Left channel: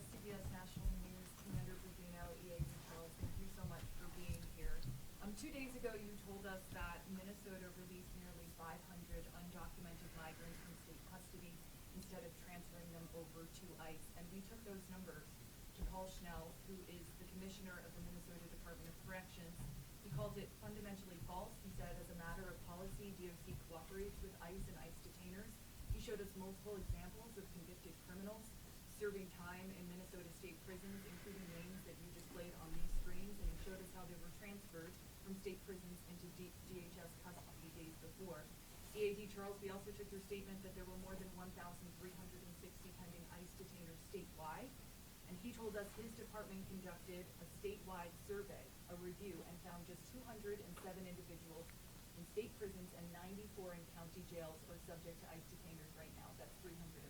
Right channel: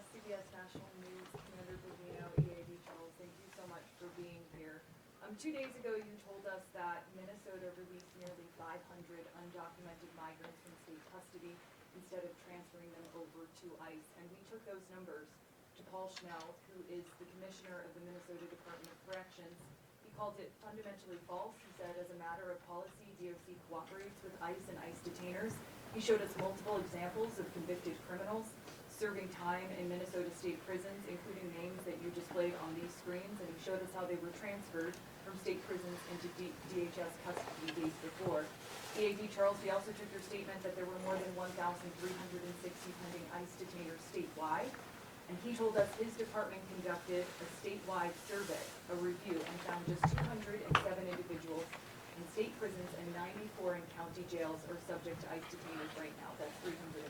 CBS National News, Commander Bovino, EAD Charles, thank you so much for being here. 2 days ago, you told us that Minnesota released nearly 500 undocumented migrants from state custody instead of transferring them over to ICE. And we took those numbers to Paul Schnell, who is the commissioner of the Minnesota Department of Corrections. He called it fundamentally false. He said, as a matter of policy, DOC cooperates with ICE and ICE detainers. He showed us multiple examples of convicted criminals serving time in Minnesota state prisons, including names that you displayed on these screens, and he showed us how they were transferred from state prisons into DHS custody days before. EAD Charles, we also took your statement that there were more than 1,360 pending ICE detainers statewide, and he told us his department conducted a statewide survey, a review, and found just 207 individuals in state prisons and 94 in county jails are subject to ICE detainers right now. That's 301.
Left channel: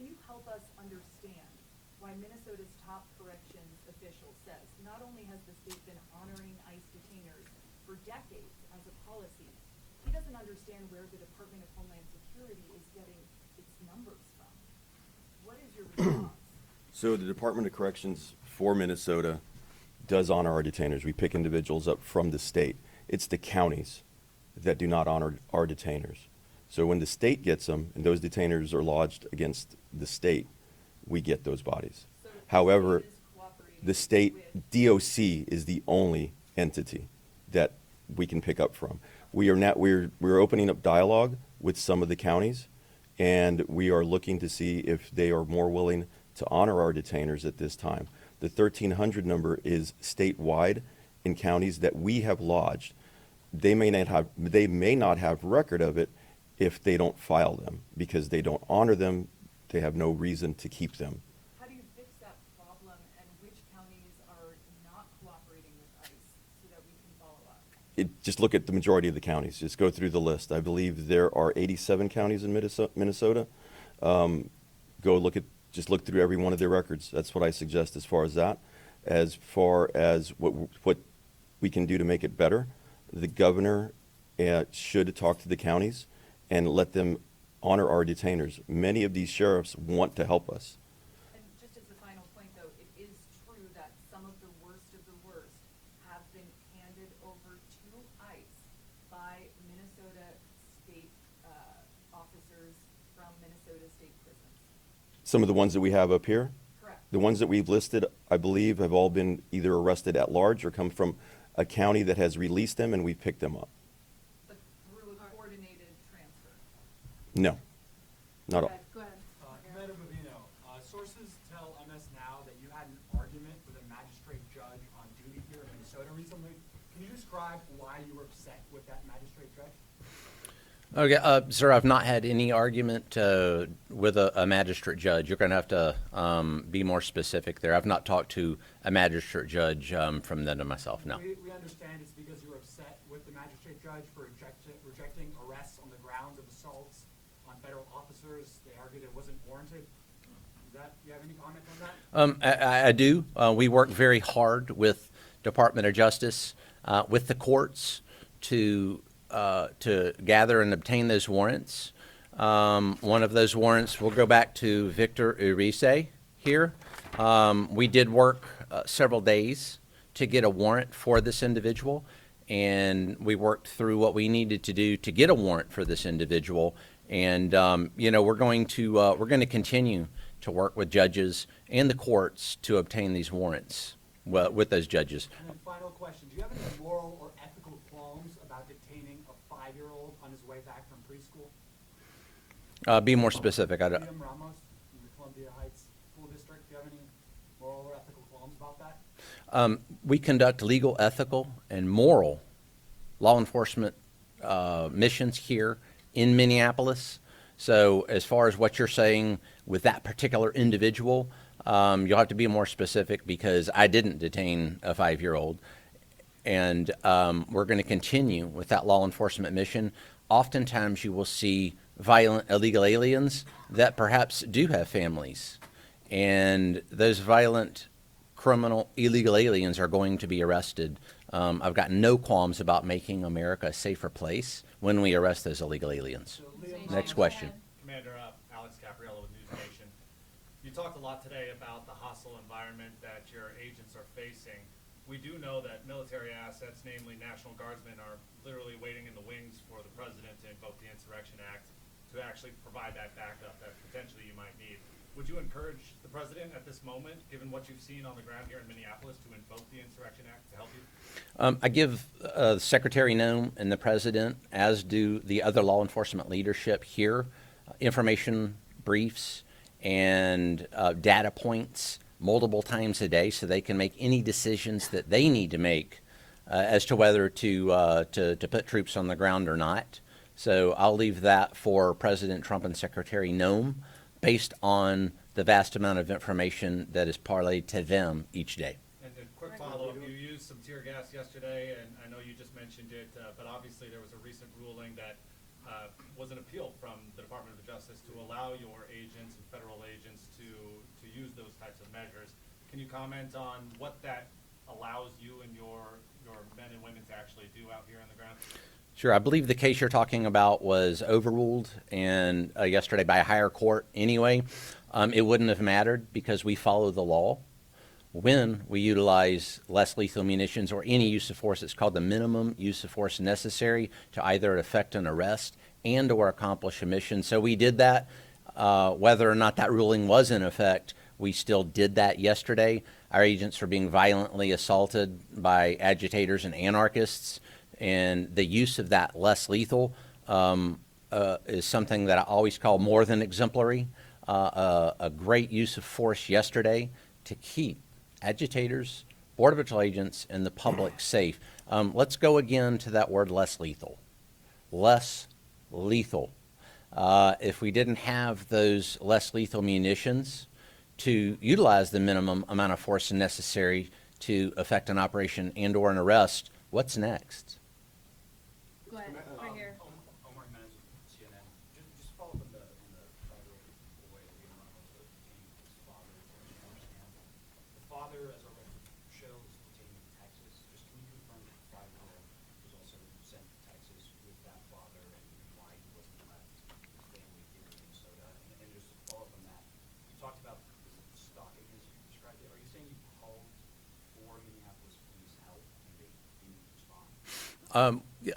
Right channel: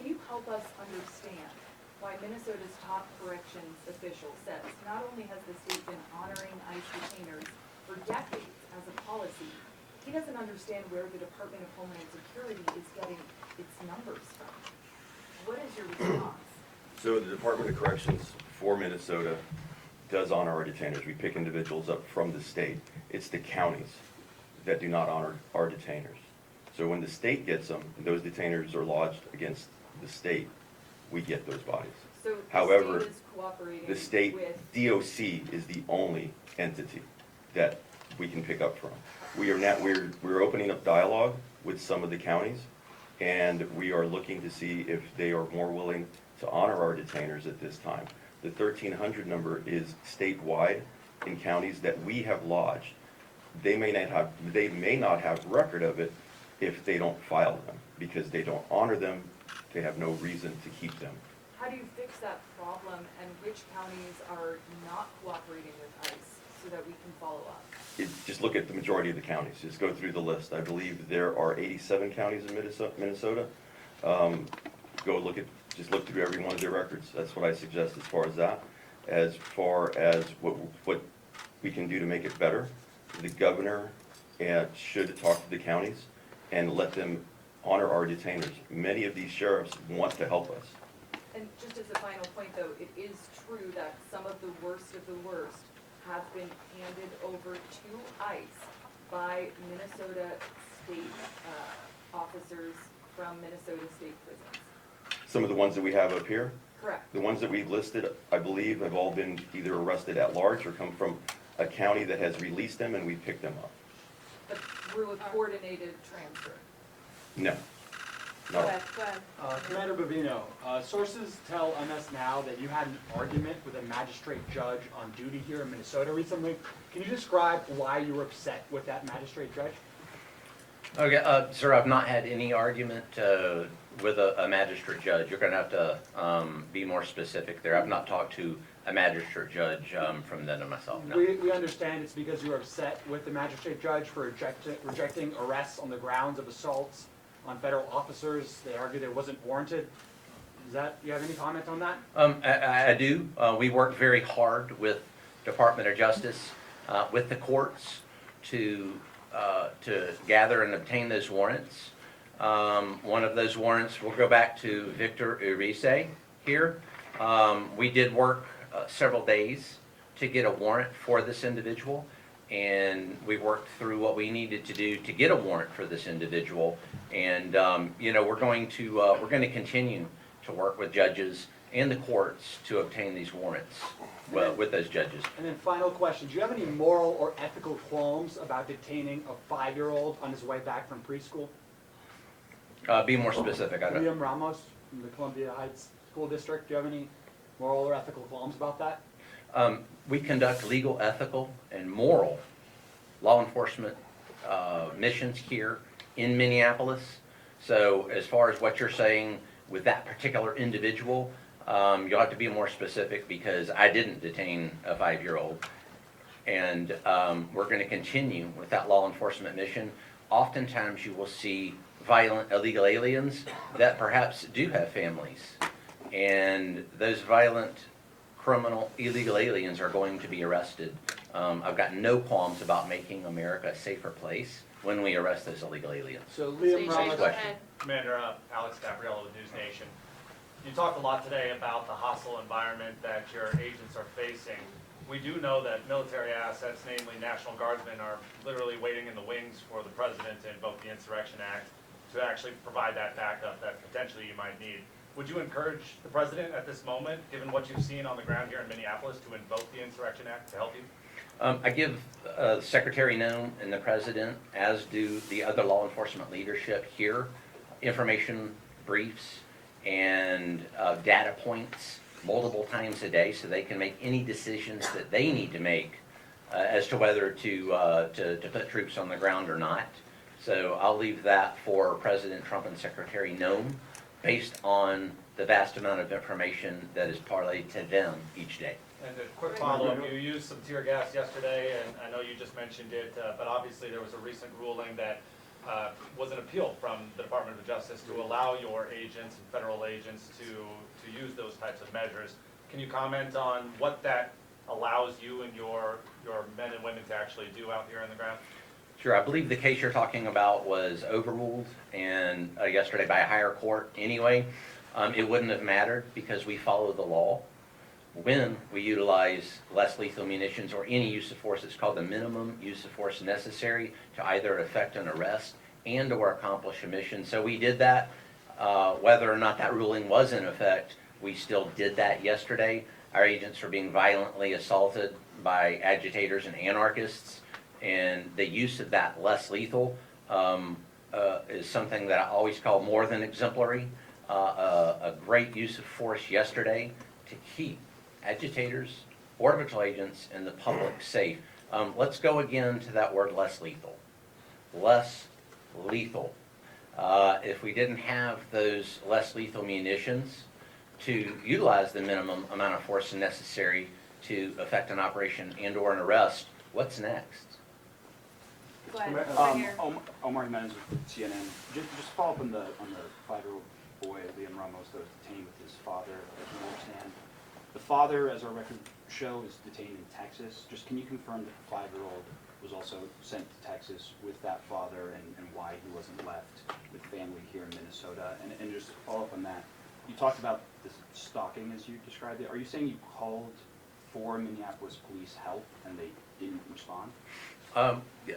Can you help us understand why Minnesota's top corrections official says not only has the state been honoring ICE detainers for decades as a policy, he doesn't understand where the Department of Homeland Security is getting its numbers from. What is your response? So the Department of Corrections for Minnesota does honor our detainers. We pick individuals up from the state. It's the counties that do not honor our detainers. So when the state gets them, and those detainers are lodged against the state, we get those bodies. So However, the state is cooperating the state with DOC is the only entity that we can pick up from. We're opening up dialogue with some of the counties, and we are looking to see if they are more willing to honor our detainers at this time. The 1,300 number is statewide in counties that we have lodged. They may not have record of it if they don't file them, because they don't honor them. They have no reason to keep them. How do you fix that problem, and which counties are not cooperating with ICE so that we can follow up? Just look at the majority of the counties. Just go through the list. I believe there are 87 counties in Minnesota. Just look through every one of their records. That's what I suggest as far as that. As far as what we can do to make it better, the governor should talk to the counties and let them honor our detainers. Many of these sheriffs want to help us. And just as a final point, though, it is true that some of the worst have been handed over to ICE by Minnesota state officers from Minnesota state prisons. Some of the ones that we have up here, Correct. the ones that we've listed, I believe, have all been either arrested at large or come from a county that has released them, and we picked them up. But through a coordinated transfer. No, not all. Commander Bovino, sources tell us now that you had an argument with a magistrate judge on duty here in Minnesota recently. Can you describe why you were upset with that magistrate judge? Okay, sir, I've not had any argument with a magistrate judge. You're going to have to be more specific there. I've not talked to a magistrate judge from then to myself, no. We understand it's because you were upset with the magistrate judge for rejecting arrests on the grounds of assaults on federal officers. They argued it wasn't warranted. Do you have any comment on that? I do. We work very hard with Department of Justice, with the courts to gather and obtain those warrants. One of those warrants, we'll go back to Victor Urice here. We did work several days to get a warrant for this individual, and we worked through what we needed to do to get a warrant for this individual. And we're going to continue to work with judges and the courts to obtain these warrants with those judges. And then final question, do you have any moral or ethical qualms about detaining a 5-year-old on his way back from preschool? Be more specific. William Ramos from the Columbia Heights School District, do you have any moral or ethical qualms about that? We conduct legal, ethical, and moral law enforcement missions here in Minneapolis. So as far as what you're saying with that particular individual, you'll have to be more specific, because I didn't detain a 5-year-old. And we're going to continue with that law enforcement mission. Oftentimes you will see violent illegal aliens that perhaps do have families. And those violent criminal illegal aliens are going to be arrested. I've got no qualms about making America a safer place when we arrest those illegal aliens. So Liam Next Ramos, question. Commander Alex Gabriella with News Nation. You talked a lot today about the hostile environment that your agents are facing. We do know that military assets, namely National Guardsmen, are literally waiting in the wings for the president to invoke the Insurrection Act to actually provide that backup that potentially you might need. Would you encourage the president at this moment, given what you've seen on the ground here in Minneapolis, to invoke the Insurrection Act to help you? I give Secretary Noem and the president, as do the other law enforcement leadership here, information briefs and data points multiple times a day so they can make any decisions that they need to make as to whether to put troops on the ground or not. So I'll leave that for President Trump and Secretary Noem based on the vast amount of information that is parlayed to them each day. And a quick follow-up, you used some tear gas yesterday, and I know you just mentioned it, but obviously there was a recent ruling that was an appeal from the Department of Justice to allow your agents and federal agents to use those types of measures. Can you comment on what that allows you and your men and women to actually do out here on the ground? Sure, I believe the case you're talking about was overruled and yesterday by a higher court anyway. It wouldn't have mattered because we follow the law. When we utilize less lethal munitions or any use of force, it's called the minimum use of force necessary to either effect an arrest and or accomplish a mission. So we did that. Whether or not that ruling was in effect, we still did that yesterday. Our agents are being violently assaulted by agitators and anarchists, and the use of that less lethal is something that I always call more than exemplary. A great use of force yesterday to keep agitators, Border Patrol agents, and the public safe. Let's go again to that word less lethal. Less lethal. If we didn't have those less lethal munitions to utilize the minimum amount of force necessary to effect an operation and or an arrest, what's next? Go ahead, over here. Omar Jimenez with CNN. Just follow up on the 5-year-old boy, Liam Ramos, that was detained with his father, as you understand. The father, as our records show, is detained in Texas. Just can you confirm that the 5-year-old was also sent to Texas with that father and why he wasn't left with family here in Minnesota? And just follow up on that, you talked about the stalking as you described it. Are you saying you called for Minneapolis police help and they didn't respond?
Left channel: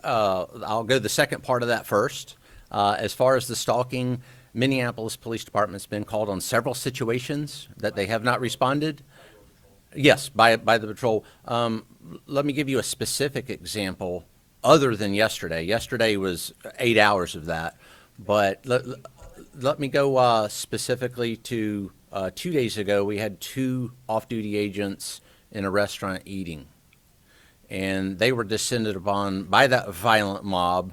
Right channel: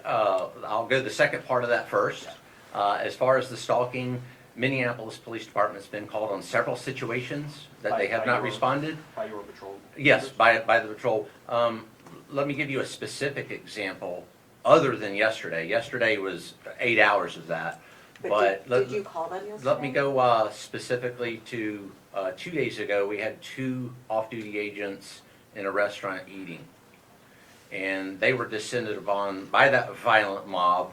I'll go the second part of that first. As far as the stalking, Minneapolis Police Department's been called on several situations that they have not responded. By your patrol? Yes, by the patrol. Let me give you a specific example other than yesterday. Yesterday was 8 hours of that. But did you call them yesterday? let me go specifically to 2 days ago. We had 2 off-duty agents in a restaurant eating. And they were descended upon by that violent mob,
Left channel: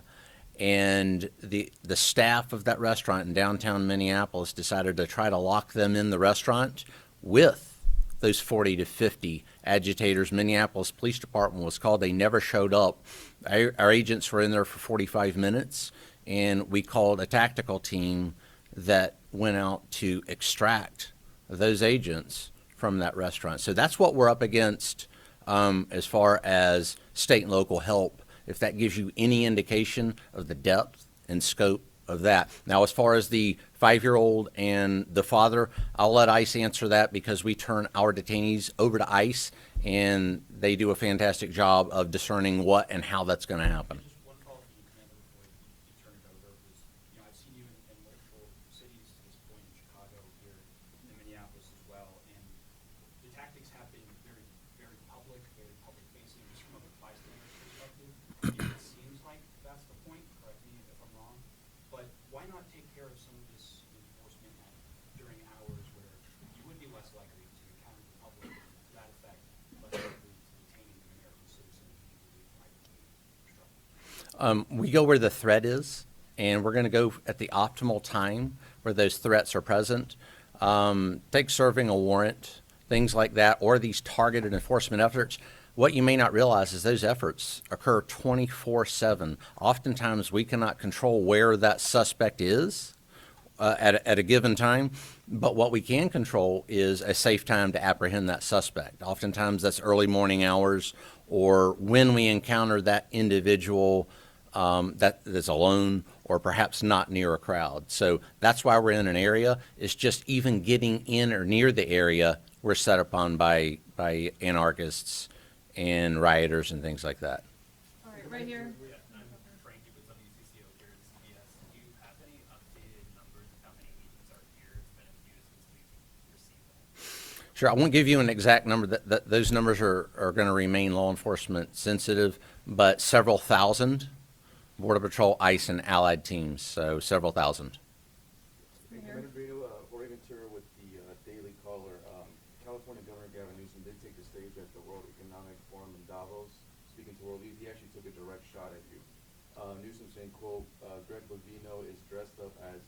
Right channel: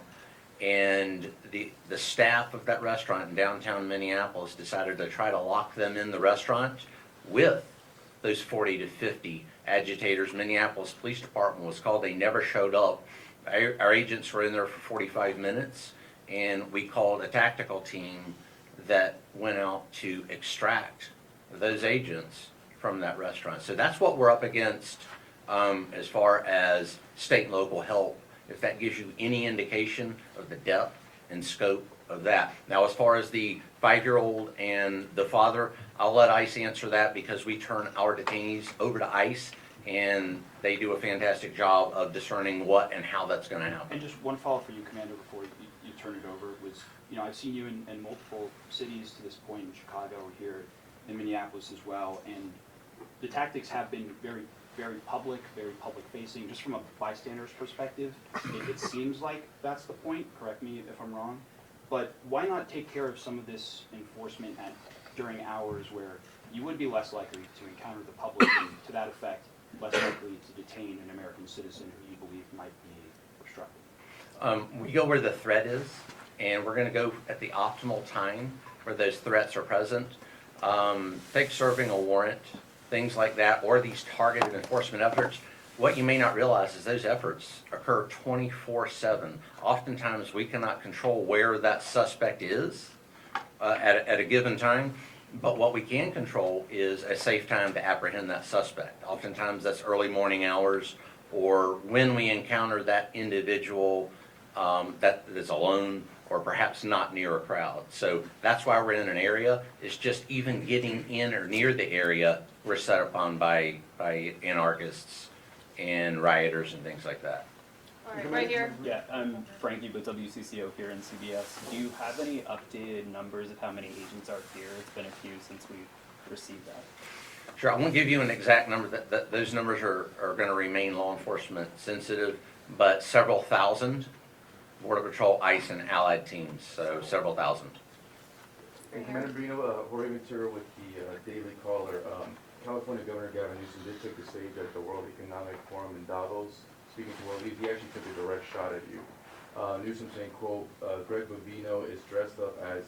and the staff of that restaurant in downtown Minneapolis decided to try to lock them in the restaurant with those 40 to 50 agitators. Minneapolis Police Department was called. They never showed up. Our agents were in there for 45 minutes, and we called a tactical team that went out to extract those agents from that restaurant. So that's what we're up against. As far as state and local help, if that gives you any indication of the depth and scope of that. Now, as far as the 5-year-old and the father, I'll let ICE answer that because we turn our detainees over to ICE, and they do a fantastic job of discerning what and how that's going to happen. And just one follow-up for you, Commander, before you turn it over, was, I've seen you in multiple cities to this point, in Chicago, here in Minneapolis as well, and the tactics have been very public, very public-facing. Just from a bystander's perspective, it seems like that's the point. Correct me if I'm wrong. But why not take care of some of this enforcement during hours where you would be less likely to encounter the public and, to that effect, less likely to detain an American citizen who you believe might be obstructive? We go where the threat is, and we're going to go at the optimal time where those threats are present. Take serving a warrant, things like that, or these targeted enforcement efforts. What you may not realize is those efforts occur 24/7. Oftentimes we cannot control where that suspect is at a given time, but what we can control is a safe time to apprehend that suspect. Oftentimes that's early morning hours, or when we encounter that individual that is alone or perhaps not near a crowd. So that's why we're in an area. It's just even getting in or near the area we're set upon by anarchists and rioters and things like that. All right, right here. Yeah, I'm Frankie with WCCO here in CBS. Do you have any updated numbers of how many agents are here? It's been a few since we received that. Sure, I won't give you an exact number. That those numbers are going to remain law enforcement sensitive, but several thousand Border Patrol, ICE, and allied teams. So several thousand. Right here. Commander Brino, Jorge Ventura with the Daily Caller. California Governor Gavin Newsom did take the stage at the World Economic Forum in Davos. Speaking to world leaders, he actually took a direct shot at you. Newsom saying, quote, Greg Bovino is dressed up as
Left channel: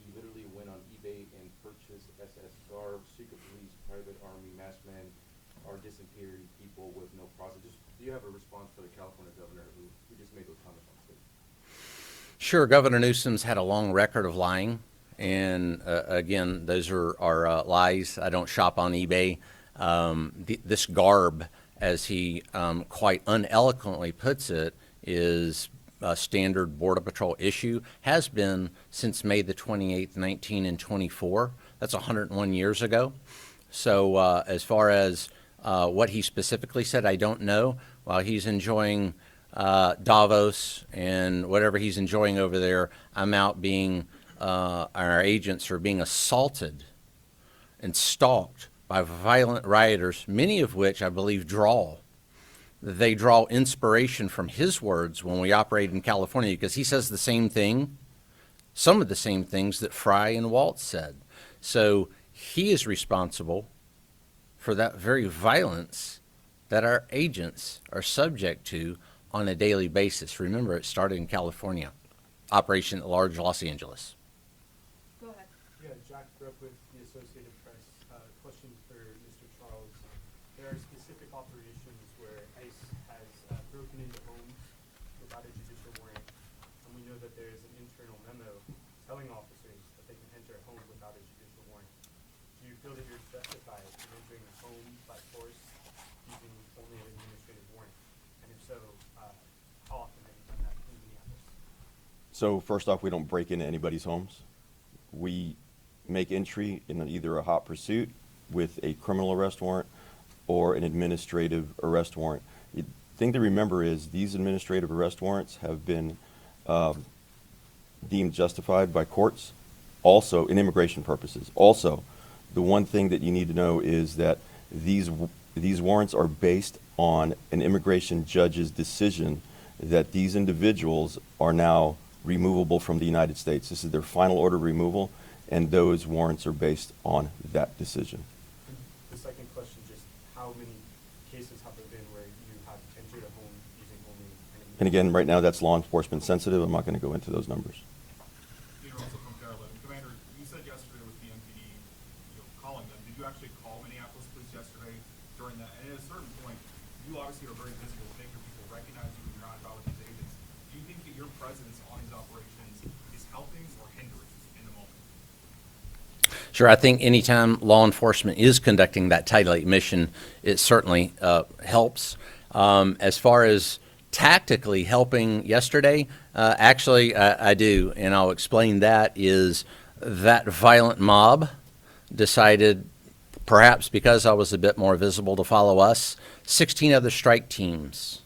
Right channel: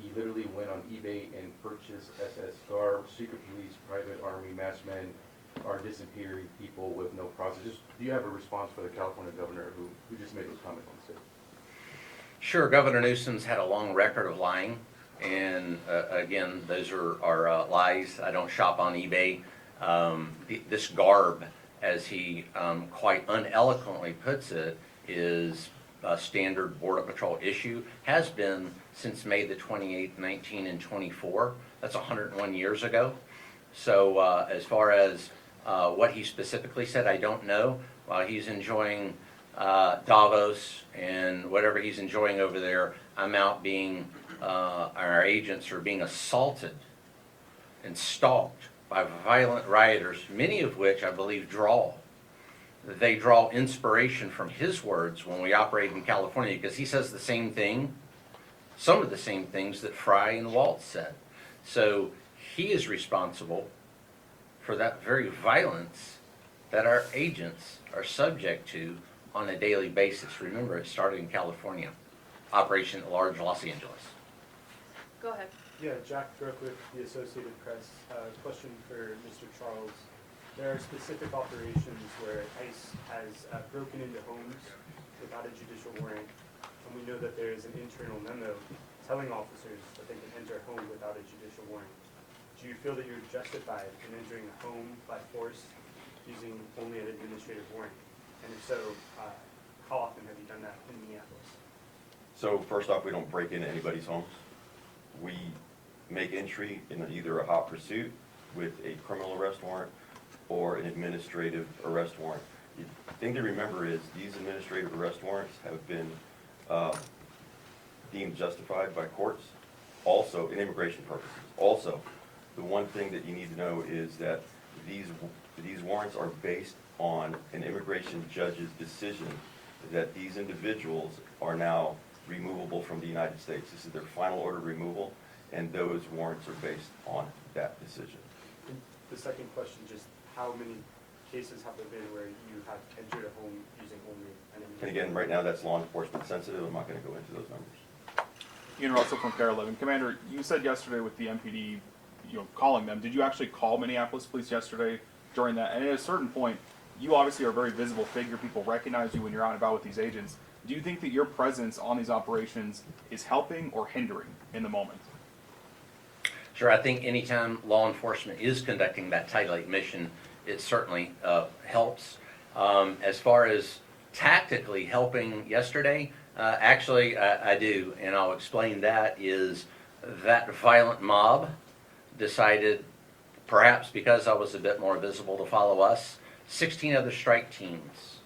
he literally went on eBay and purchased SS garb, secret police, private army, masked men are disappearing people with no process. Just, do you have a response for the California governor who just made those comments on stage? Sure, Governor Newsom's had a long record of lying, and again, those are lies. I don't shop on eBay. This garb, as he quite uneloquently puts it, is a standard Border Patrol issue, has been since May the 28th, 1924. That's 101 years ago. So as far as what he specifically said, I don't know. While he's enjoying Davos and whatever he's enjoying over there, I'm out being, our agents are being assaulted and stalked by violent rioters, many of which I believe they draw inspiration from his words when we operate in California, because he says the same thing, some of the same things that Fry and Waltz said. So he is responsible for that very violence that our agents are subject to on a daily basis. Remember, it started in California, Operation at Large, Los Angeles. Go ahead. Yeah, Jack Brooke with the Associated Press. Question for Mr. Charles. There are specific operations where ICE has broken into homes without a judicial warrant, and we know that there is an internal memo telling officers that they can enter a home without a judicial warrant. Do you feel that you're justified in entering a home by force using only an administrative warrant? And if so, how often have you done that in Minneapolis? So first off, we don't break into anybody's homes. We make entry in either a hot pursuit with a criminal arrest warrant or an administrative arrest warrant. The thing to remember is these administrative arrest warrants have been deemed justified by courts, also in immigration purposes. Also, the one thing that you need to know is that these warrants are based on an immigration judge's decision that these individuals are now removable from the United States. This is their final order of removal, and those warrants are based on that decision. And the second question, just how many cases have there been where you have entered a home using only an And again, right now that's law enforcement sensitive. I'm not going to go into those numbers. Ian Russell from KARE 11. Commander, you said yesterday with the MPD, calling them. Did you actually call Minneapolis police yesterday during that? And at a certain point, you obviously are a very visible figure. People recognize you when you're out and about with these agents. Do you think that your presence on these operations is helping or hindering in the moment? Sure, I think anytime law enforcement is conducting that Title 8 mission, it certainly helps. As far as tactically helping yesterday, actually I do, and I'll explain that. Is that violent mob decided, perhaps because I was a bit more visible, to follow us. 16 other strike teams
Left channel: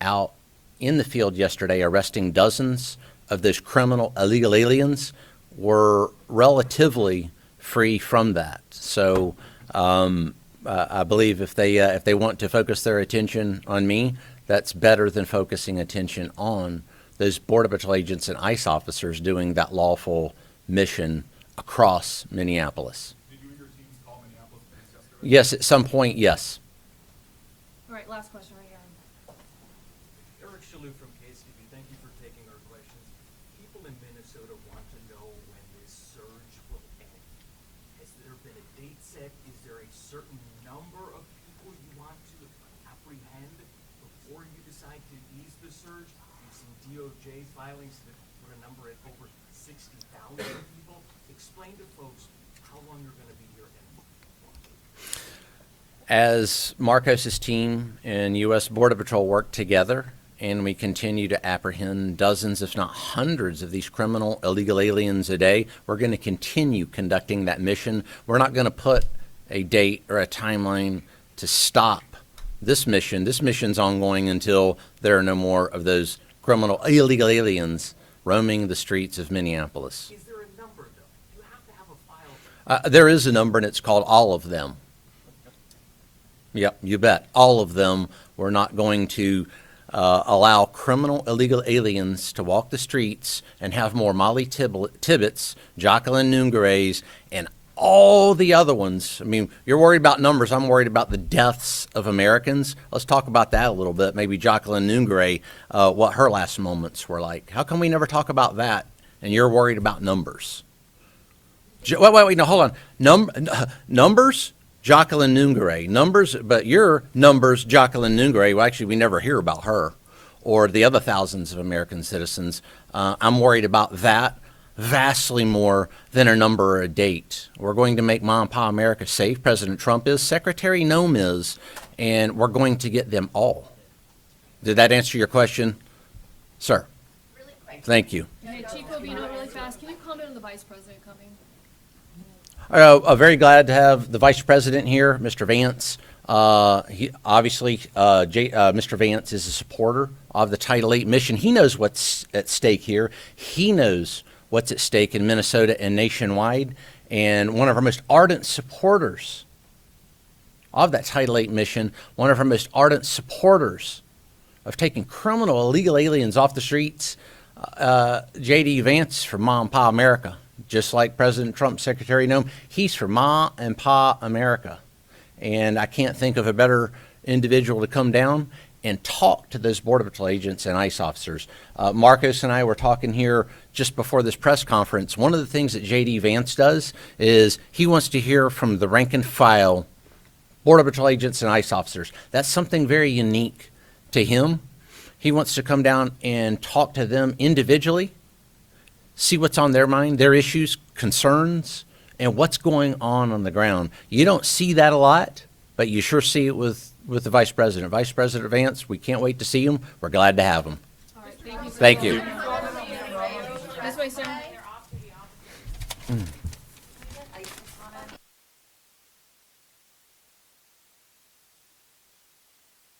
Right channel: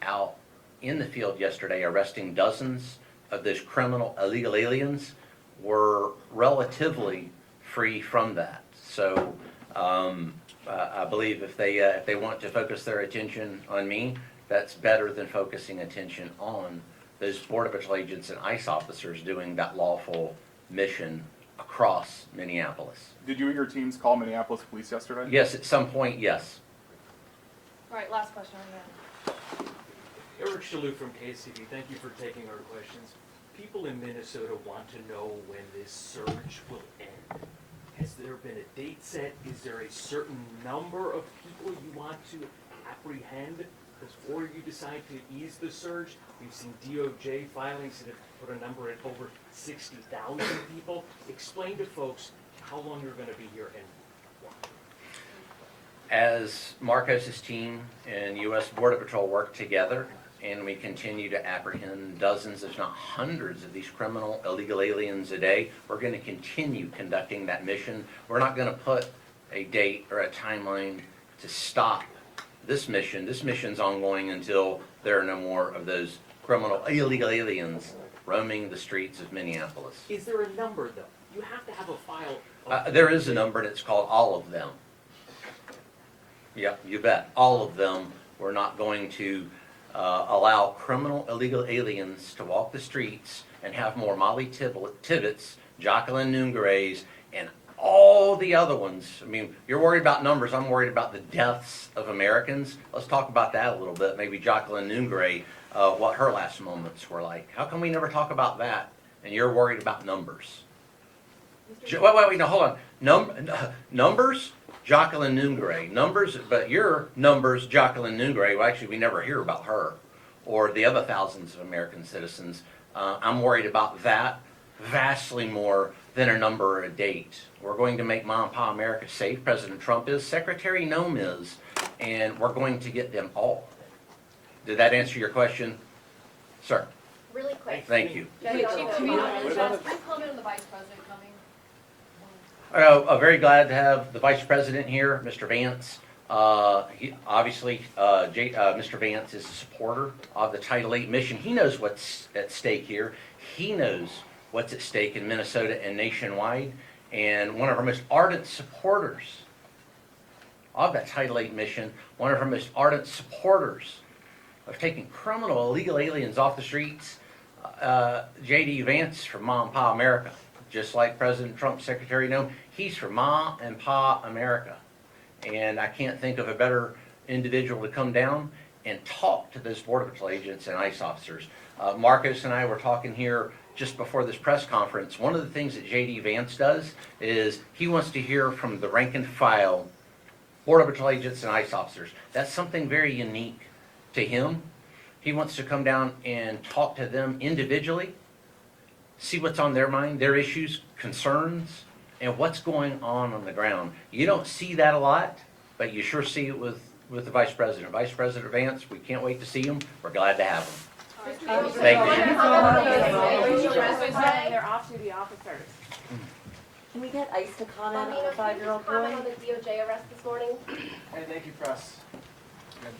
out in the field yesterday arresting dozens of those criminal illegal aliens were relatively free from that. So I believe if they want to focus their attention on me, that's better than focusing attention on those Border Patrol agents and ICE officers doing that lawful mission across Minneapolis. Did you and your teams call Minneapolis police yesterday? Yes, at some point, yes. All right, last question on the end. Eric Shalou from KCB. Thank you for taking our questions. People in Minnesota want to know when this surge will end. Has there been a date set? Is there a certain number of people you want to apprehend before you decide to ease the surge? We've seen DOJ filings that have put a number at over 60,000 people. Explain to folks how long you're going to be here and why. As Marcos's team and U.S. Border Patrol work together and we continue to apprehend dozens, if not hundreds, of these criminal illegal aliens a day. We're going to continue conducting that mission. We're not going to put a date or a timeline to stop this mission. This mission's ongoing until there are no more of those criminal illegal aliens roaming the streets of Minneapolis. Is there a number, though? You have to have a file. There is a number, and it's called all of them. Yep, you bet. All of them. We're not going to allow criminal illegal aliens to walk the streets and have more Molly Tibbetts, Jacqueline Nungareys, and all the other ones. I mean, you're worried about numbers. I'm worried about the deaths of Americans. Let's talk about that a little bit. Maybe Jacqueline Nungaray, what her last moments were like. How come we never talk about that? And you're worried about numbers. Wait, no, hold on. Numbers? Jacqueline Nungaray. Numbers, but your numbers, Jacqueline Nungaray, well, actually, we never hear about her or the other thousands of American citizens. I'm worried about that vastly more than a number or a date. We're going to make Mom and Pa America safe. President Trump is, Secretary Noem is, and we're going to get them all. Did that answer your question, sir? Really quick. Thank you. Hey, Chief Levine, can you comment on the Vice President coming? Very glad to have the Vice President here, Mr. Vance. He obviously, Mr. Vance is a supporter of the Title VIII mission. He knows what's at stake here. He knows what's at stake in Minnesota and nationwide. And one of our most ardent supporters of that Title VIII mission, one of our most ardent supporters of taking criminal illegal aliens off the streets, J.D. Vance from Ma and Pa America. Just like President Trump, Secretary Noem, he's for Ma and Pa America. And I can't think of a better individual to come down and talk to those Border Patrol agents and ICE officers. Marcos and I were talking here just before this press conference. One of the things that J.D. Vance does is he wants to hear from the rank and file Border Patrol agents and ICE officers. That's something very unique to him. He wants to come down and talk to them individually, see what's on their mind, their issues, concerns, and what's going on the ground. You don't see that a lot, but you sure see it with the Vice President. Vice President Vance, we can't wait to see him. We're glad to have him. Thank you. They're off-duty officers. Can we get ICE to comment on the 5-year-old boy? Comment on the DOJ arrest this morning? Hey, thank you, press. Good.